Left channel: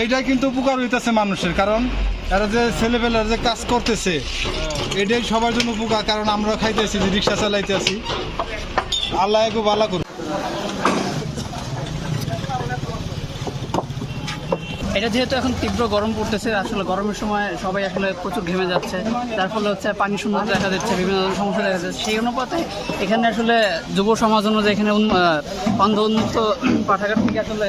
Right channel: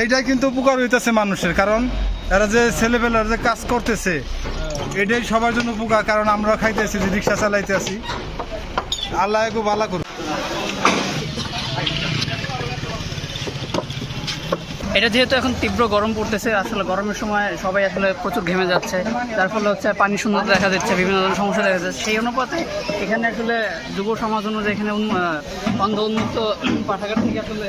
এইটাই কিন্তু উপকার হইতেছে মানুষের, কারণ এরা যে ছেলেপেলার যে কাজ করতেছে, এটাই সবার জন্য উপকার, কারণ আমরা খাইতেছি, যে রিক্সা চালাইতে আছি আল্লাহ একটু ভালো করুন এটা যেহেতু এখন তীব্র গরম পড়তেছে, আসলে গরমের সময় সবাই আসলে প্রচুর ঘেমে যাচ্ছে। যার ফলে হচ্ছে পানি সুন্দর দেখা যাচ্ছে বিভিন্ন ধরনের সমস্যা দেখা যাচ্ছে সেই অনুপাতে এখানে আসলে যুব সমাজ অনুযায়ী এখানে অন্ধ উন্মুক্ত পাঠাগার থেকে আসলে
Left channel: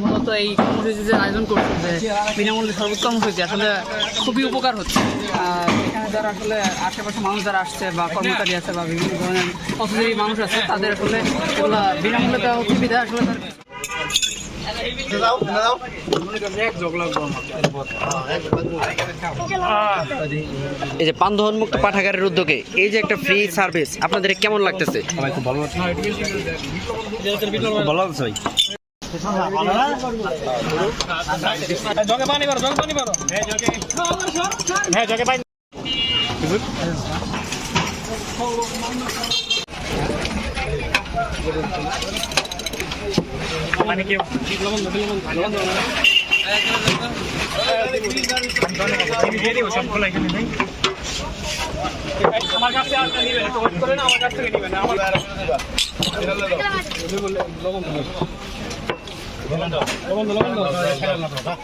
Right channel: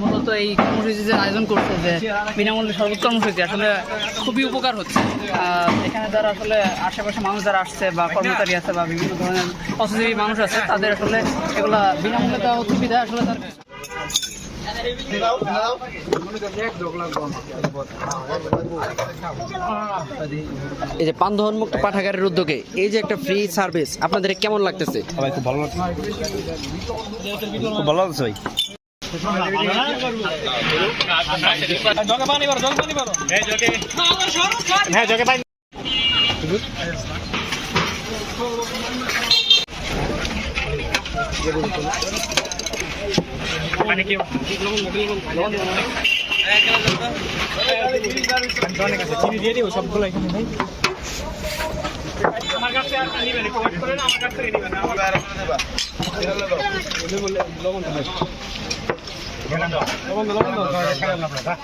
মূলত এই কর্মসূচি আয়োজন করছে যে বিনামূল্যে সর্বোচ্চ কর্মসূচি আসলে খুবই উপকার হচ্ছে। এখানে যারা আসলে আশেপাশে মানুষ যারা আসছে বা কর্মচারী আছে বা বিভিন্ন ধরনের পথজীবী মানুষ আছে তাদের আসলে এগুলা বিনামূল্যে দেওয়া সুবিধা আসলে তার এই যে পান্ধন মুক্ত পাঠাগারের উদ্যোগে এই যে একটা ফ্রি সার্ভিস আপনাদের কেমন লাগতেছে? ভাই খুব ভালো লাগছে। ভালো লাগছে ভাই। পানি কি সবগুলো এখানে নেই আমার কাছে লবণ 别들아너먼저+너먼저가야 지.